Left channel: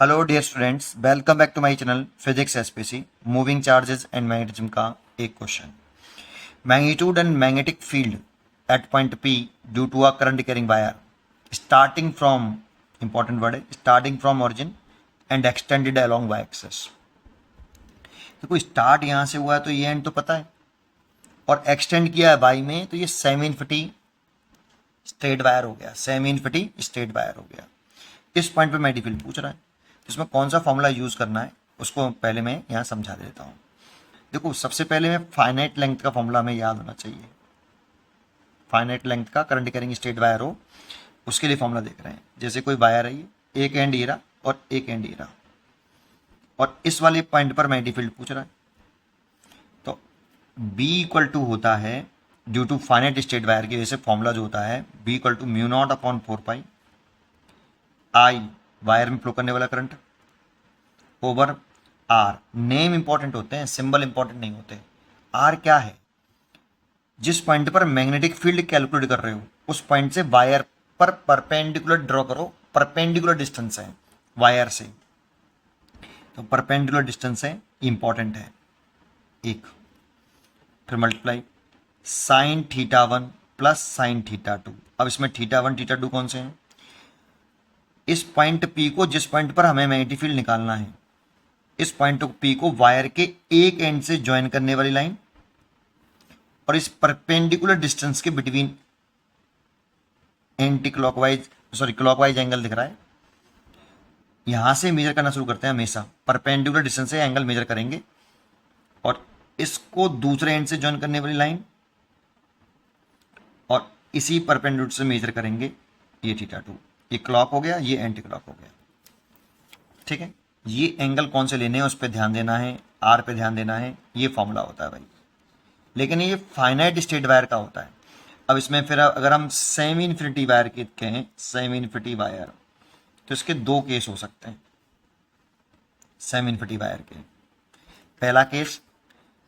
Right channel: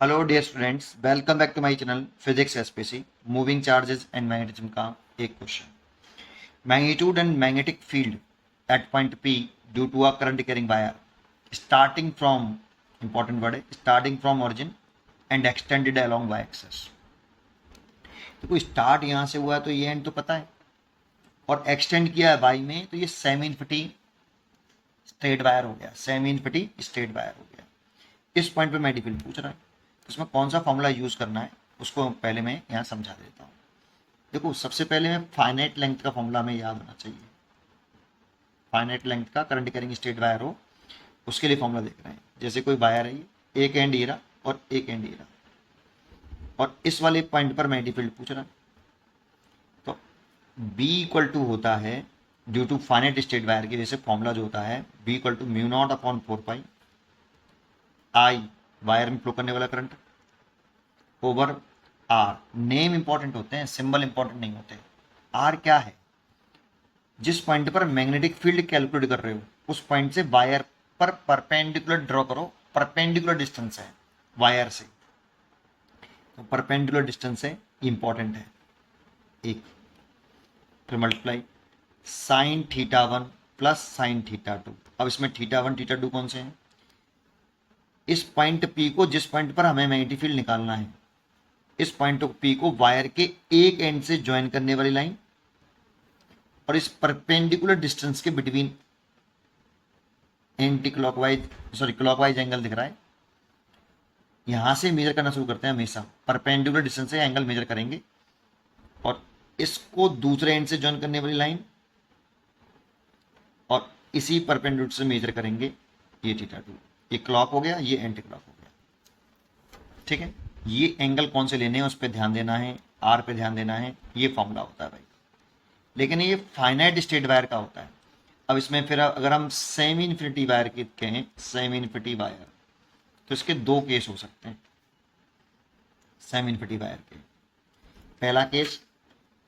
Hello dear students, welcome back to my channel physics SPC. Moving charges and magnetism का एक question. Magnitude and magnetic field at point P due to a current carrying wire starting from, important word है, starting from origin and extended along Y axis. देखो, start यहाँ से हुआ है तो ये एंड तो पता है, और एक्सटेंड किया है वाई में, तो ये सेमी इन्फिनिटी स्ट्रेट वायर हो गया, सेमी इन्फिनिटी स्ट्रेट वायर हो गया। इस पॉइंट पे मैग्नेटिक फील्ड पूछ रहा है, इसमें कौन सा फॉर्मूला यूज करना है उसको पहले मैं यहाँ समझा देता हूँ। देखो, सबसे पहले मैं फाइनाइट लेंथ का फॉर्मूला हमें याद होना चाहिए। फाइनाइट लेंथ का करंट कैरिंग स्ट्रेट वायर हो, उसके लिए फॉर्मूला देख रहे हैं। जैसे कोई वायर है, ये एक एंड ये रहा और एक एंड ये रहा, और इस वाले पॉइंट पर मैग्नेटिक फील्ड पूछ रहा है। तो B इक्वल टू होता है, due to finite straight wire की वजह से फॉर्मूला जो होता है B equal to mu naught upon 4 pi I, wire में फ्लो करने वाला current, over R. Name important होते हैं, सिंबल इंपॉर्टेंट नहीं होते। आर क्या है? जिस पॉइंट पर मैग्नेटिक फील्ड कैलकुलेट कर रहे हो उस पॉइंट से वायर पर परपेंडिकुलर ड्रॉ करो। परपेंडिकुलर डिस्टेंस है वायर से, तो परपेंडिकुलर डिस्टेंस है, इंपॉर्टेंट है। एक फिर multiply sine theta one plus sine theta two. अब इसमें थीटा वन थीटा टू कौन से हैं? इस पॉइंट पी को, जिस पॉइंट पर हमें मैग्नेटिक फील्ड निकालना है, इस पॉइंट पी को वायर के एक एंड से ज्वाइन करने वाली लाइन, और इस परपेंडिकुलर डिस्टेंस के between anti clockwise, sorry clockwise angle दिख रहा है। यहां से मेजर करना शुरू करते हैं, हमेशा परपेंडिकुलर डिस्टेंस से एंगल मेजर करेंगे, और इसको दूसरे एंड से ज्वाइन करने वाली लाइन, और इसी परपेंडिकुलर से मेजर करेंगे ये थीटा टू। ये क्लॉक हो गया, ये एंटी क्लॉक हो गया। ठीक है, ये एंगल कौन से लेने हैं उस पर ध्यान देना है, आर पे ध्यान देना है। ये फॉर्मूला होता है भाई, लेकिन ये फाइनाइट स्टेट वायर का होता है। अब इसमें फिर अगर हम सेमी इन्फिनिटी वायर की कहें, सेमी इन्फिनिटी वायर, तो इसके दो केस हो सकते हैं सेमी इन्फिनिटी वायर के। पहला केस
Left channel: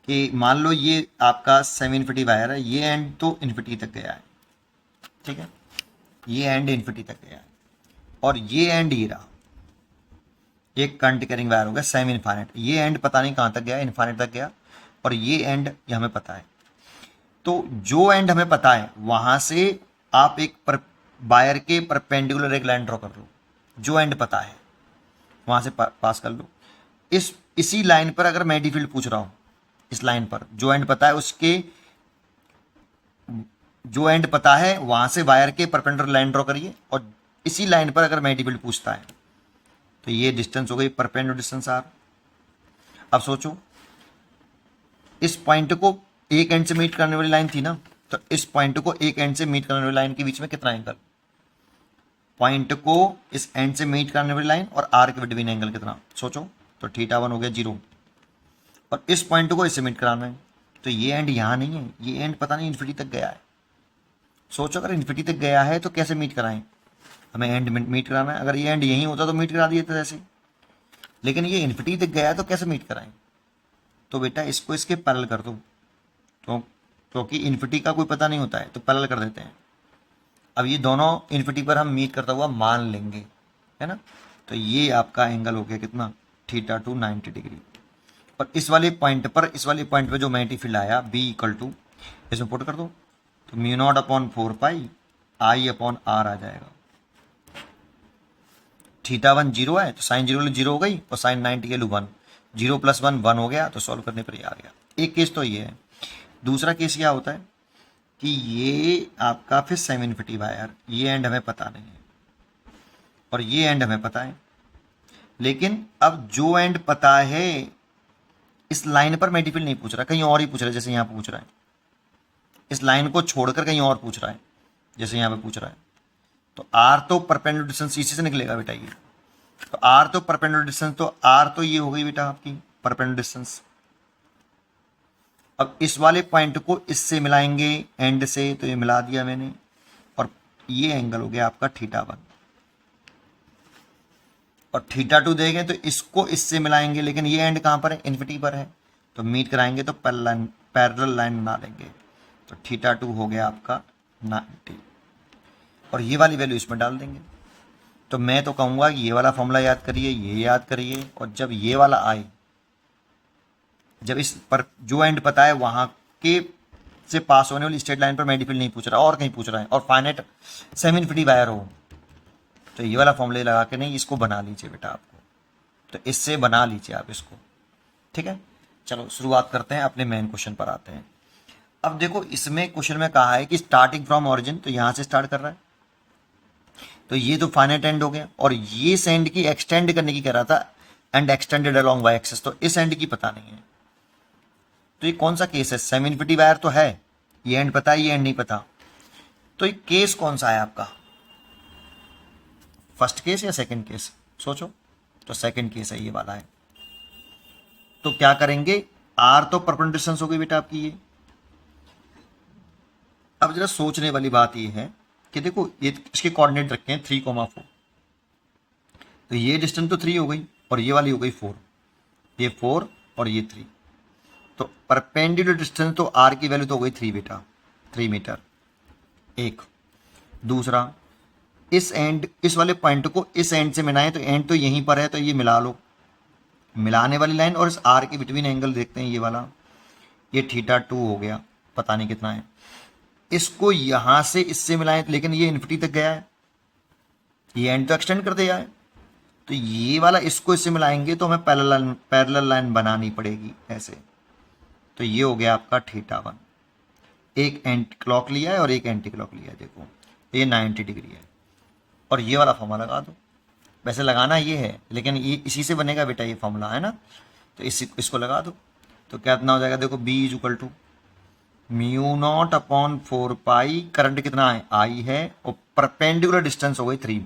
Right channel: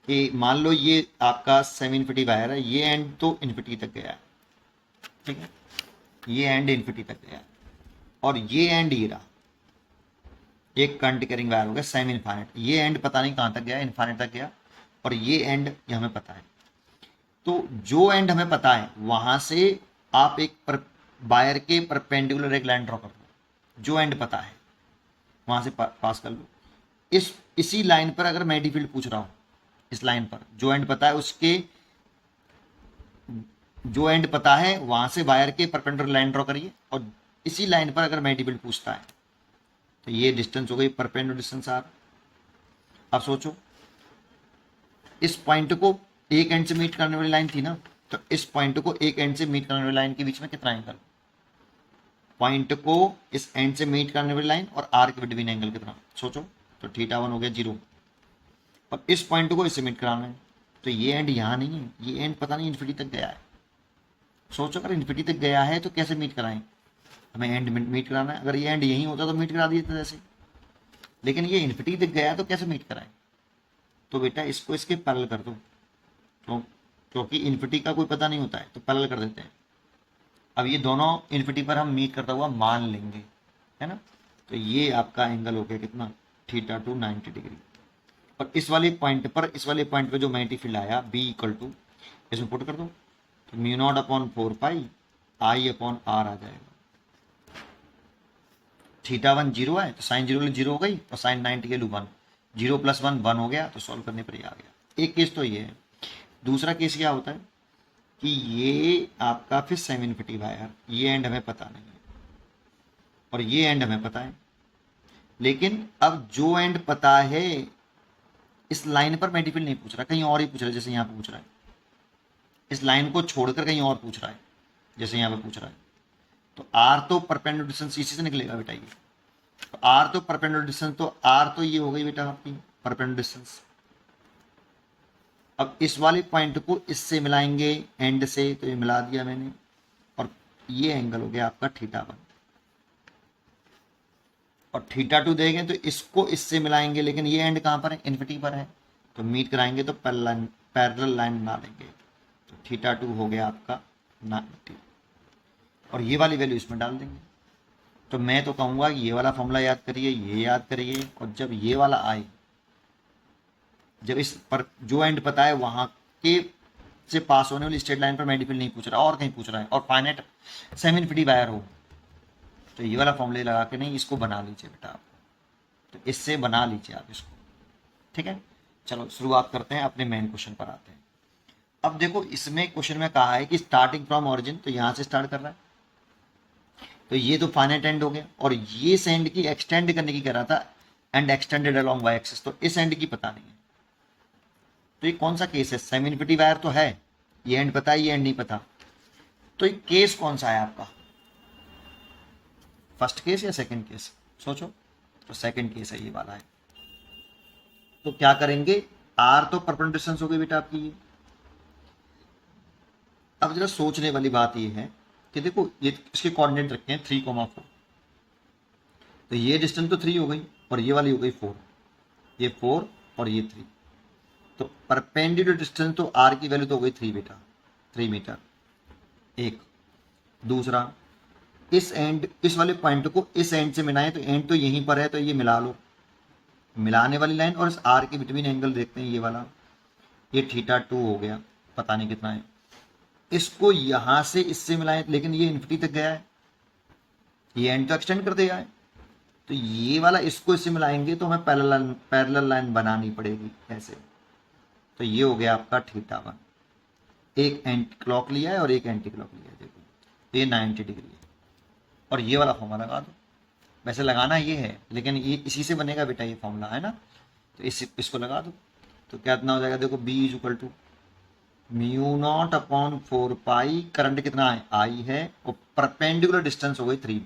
कि मान लो ये आपका सेमी इन्फिनिटी वायर है, ये एंड तो इन्फिनिटी तक गया है, ठीक है, ये एंड इन्फिनिटी तक गया है, और ये एंड ये रहा, एक करंट कैरिंग वायर हो गया सेमी इनफाइनाइट। ये एंड पता नहीं कहाँ तक गया, इनफाइनाइट तक गया, और ये एंड ये हमें पता है। तो जो एंड हमें पता है वहां से आप एक वायर के परपेंडिकुलर एक लाइन ड्रॉ कर लो। जो एंड पता है वहां से पास कर लो। इसी लाइन पर अगर मैग्नेटिक फील्ड पूछ रहा हूं, इस लाइन पर जो एंड पता है उसके, जो एंड पता है वहां से वायर के परपेंडिकुलर लाइन ड्रॉ करिए, और इसी लाइन पर अगर मैग्नेटिक फील्ड पूछता है तो ये डिस्टेंस हो गई परपेंडिकुलर डिस्टेंस आर। अब सोचो, इस पॉइंट को एक एंड से मीट करने वाली लाइन थी ना, तो इस पॉइंट को एक एंड से मीट करने वाली लाइन के बीच में कितना एंगल? पॉइंट को इस एंड से मीट करने वाली लाइन और आर के बिटवीन एंगल कितना? सोचो, तो थीटा वन हो गया 0, और इस पॉइंट को इससे मीट कराना है, तो ये एंड यहाँ नहीं है, ये एंड पता नहीं इन्फिनिटी तक गया है। सोचो, अगर इन्फिनिटी तक गया है तो कैसे मीट कराएं? हमें एंड मीट कराना है। अगर ये एंड यहीं होता तो मीट करा दिए थे ऐसे, लेकिन ये इन्फिनिटी तक गया है तो कैसे मीट कराएं? तो बेटा इसको इसके पैरेलल कर दो, तो क्योंकि इन्फिनिटी का कोई पता नहीं होता है तो पैरेलल कर देते हैं। अब ये दोनों इन्फिनिटी पर हम मीट करता हुआ मान लेंगे, है ना। तो ये आपका एंगल हो गया कितना? Theta two 90 degree. और इस वाले पॉइंट पर, इस वाले पॉइंट पर जो मैग्नेटिक फील्ड आया बी इक्वल टू, इसमें पुट कर दो, तो mu naught upon 4 pi I upon R आ जाएगा। थीटा वन 0 है तो साइन 0 0 हो गई, और साइन 90 के लू 1, 0 + 1 1 हो गया, तो सॉल्व करने पर ये आ गया। एक केस तो ये है। दूसरा केस क्या होता है कि ये आपका फिर सेमी इन्फिनिटी वायर, ये एंड हमें पता नहीं है और ये एंड हमें पता है, लेकिन अब जो एंड पता है इस लाइन पर मैग्नेटिक फील्ड नहीं पूछ रहा, कहीं और ही पूछ रहा है। जैसे यहाँ पूछ रहा है, इस लाइन को छोड़कर कहीं और पूछ रहा है, जैसे यहाँ पे पूछ रहा है, तो आर तो परपेंडिकुलर डिस्टेंस इसी से निकलेगा बेटा। ये तो आर तो परपेंडिकुलर डिस्टेंस, तो आर तो ये हो गई बेटा आपकी परपेंडिकुलर डिस्टेंस। अब इस वाले पॉइंट को इससे मिलाएंगे एंड से, तो ये मिला दिया मैंने, और ये एंगल हो गया आपका थीटा वन, और थीटा टू देंगे तो इसको इससे मिलाएंगे, लेकिन ये एंड कहाँ पर है? इन्फिनिटी पर है, तो मीट कराएंगे तो पैरेलल लाइन बना लेंगे, तो थीटा टू हो गया आपका 90, और ये वाली वैल्यू इसमें डाल देंगे। तो मैं तो कहूँगा ये वाला फॉर्मूला याद करिए, ये याद करिए, और जब ये वाला आए, जब इस पर जो एंड पता है वहाँ के से पास होने वाली स्ट्रेट लाइन पर मैग्नेटिक फील्ड नहीं पूछ रहा और कहीं पूछ रहा है, और फाइनाइट सेमी इनफिनिटी वायर हो, तो ये वाला फॉर्मूले लगा के नहीं, इसको बना लीजिए बेटा आपको, तो इससे बना लीजिए आप इसको। ठीक है, चलो शुरुआत करते हैं, अपने मेन क्वेश्चन पर आते हैं। अब देखो इसमें क्वेश्चन में कहा है कि स्टार्टिंग फ्रॉम ऑरिजिन, तो यहाँ से स्टार्ट कर रहा है, तो ये तो फाइनाइट एंड हो गया, और ये एंड की एक्सटेंड करने की कह रहा था, and extended along Y axis, तो इस एंड की पता नहीं है। तो ये कौन सा केस है? सेमी इनफिनिटी वायर तो है, ये एंड पता है, ये एंड नहीं पता, तो ये केस कौन सा है आपका? फर्स्ट केस या सेकंड केस? सोचो, तो सेकंड केस है, ये वाला है। तो क्या करेंगे, आर तो परपेंडिकुलर डिस्टेंस हो गई बेटा आपकी ये। अब जरा सोचने वाली बात ये है कि देखो ये इसके कोऑर्डिनेट रखे हैं 3,4, तो ये डिस्टेंस तो 3 हो गई, और ये वाली हो गई 4, ये 4 और ये 3, तो परपेंडिकुलर डिस्टेंस तो आर की वैल्यू तो हो गई 3 बेटा, 3 मीटर। एक दूसरा, इस एंड, इस वाले पॉइंट को इस एंड से मिलाएं, तो एंड तो यहीं पर है, तो ये मिला लो, मिलाने वाली लाइन और इस आर के बिटवीन एंगल देखते हैं, ये वाला, ये θ2 हो गया, पता नहीं कितना है। इसको यहां से इससे मिलाएं, लेकिन ये इन्फिनिटी तक गया है, ये एंड तो एक्सटेंड कर दिया है, तो ये वाला इसको इससे मिलाएंगे तो हमें पैरेलल लाइन बनानी पड़ेगी ऐसे, तो ये हो गया आपका θ1। एक एंटी क्लॉक लिया है और एक एंटी क्लॉक लिया है, देखो ये 90 डिग्री है, और ये वाला फॉर्मूला लगा दो। वैसे लगाना ये है, लेकिन ये इसी से बनेगा बेटा, ये फॉर्मूला है ना, तो इसको लगा दो, तो क्या इतना हो जाएगा, देखो B is equal to μ0 upon 4 pi, current कितना है, I है, और परपेंडिकुलर डिस्टेंस हो गई 3,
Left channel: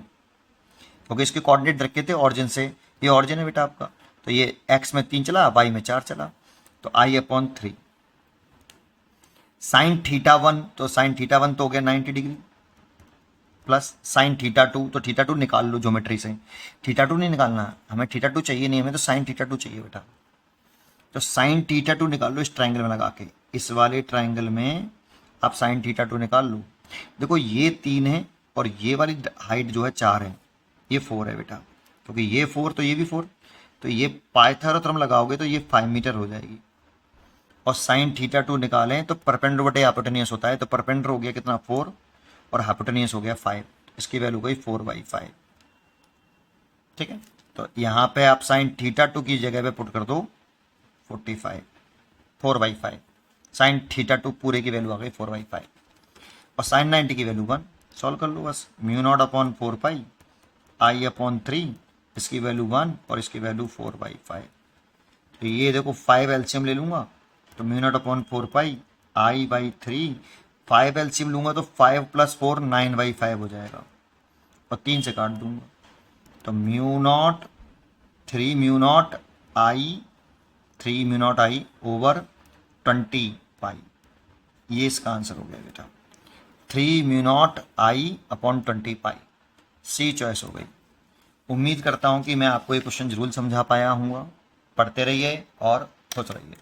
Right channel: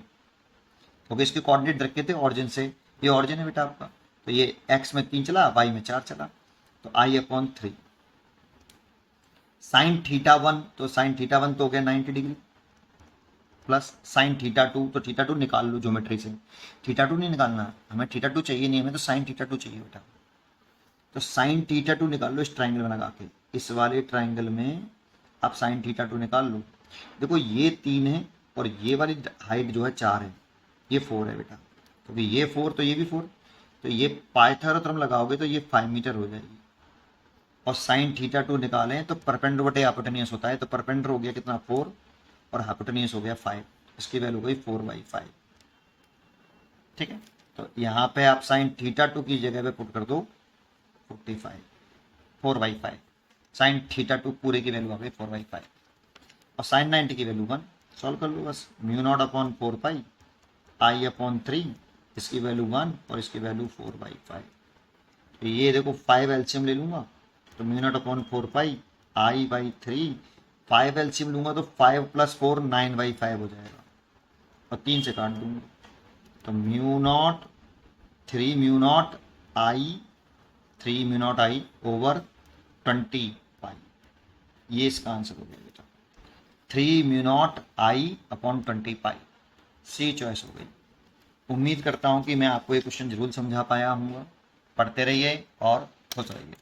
क्योंकि इसके कोऑर्डिनेट रखे थे ऑरिजिन से, ये ऑरिजिन है बेटा आपका, तो ये x में 3 चला, y में 4 चला, तो I अपॉन 3 साइन θ1, तो साइन θ1 तो हो गया 90 डिग्री, प्लस साइन θ2, तो θ2 निकाल लो ज्योमेट्री से, θ2 नहीं निकालना है हमें, θ2 चाहिए नहीं हमें, तो साइन θ2 चाहिए बेटा, तो साइन θ2 निकाल लो इस ट्राइंगल में लगा के, इस वाले ट्राइंगल में आप साइन θ2 निकाल लो। देखो ये 3 है, और ये वाली हाइट जो है 4 है, ये 4 है बेटा, क्योंकि ये 4 तो ये भी 4, तो ये पाइथागोरस लगाओगे तो ये 5 मीटर हो जाएगी, और साइन θ2 निकालें तो परपेंडिकुलर बटे हाइपोटेनियस होता है, तो परपेंडिकुलर हो गया कितना 4, और हाइपोटेनियस हो गया 5, इसकी वैल्यू गई 4/5। ठीक है, तो यहाँ पे आप साइन θ2 की जगह पे पुट कर दो 45, 4/5, साइन θ2 पूरे की वैल्यू आ गई 4/5, और साइन 90 की वैल्यू 1, सॉल्व कर लो बस, μ0 अपॉन 4 पाई I अपॉन 3, इसकी वैल्यू 1 और इसकी वैल्यू 4/5, तो ये देखो 5 एलसीएम ले लूंगा, तो μ0 अपॉन 4 पाई I/3, 5 एलसीएम लूंगा तो 5 + 4 9/5 हो जाएगा, और 3 से काट दूंगा, तो μ0 3 μ0 I 3 μ0 I ओवर 20 पाई, ये इसका आंसर हो गया बेटा, 3 μ0 I अपॉन 20 पाई, सी चॉइस हो गई। उम्मीद करता हूँ कि मैं आपको ये क्वेश्चन जरूर समझा पाया हूँ, पढ़ते रहिए और खुश रहिए।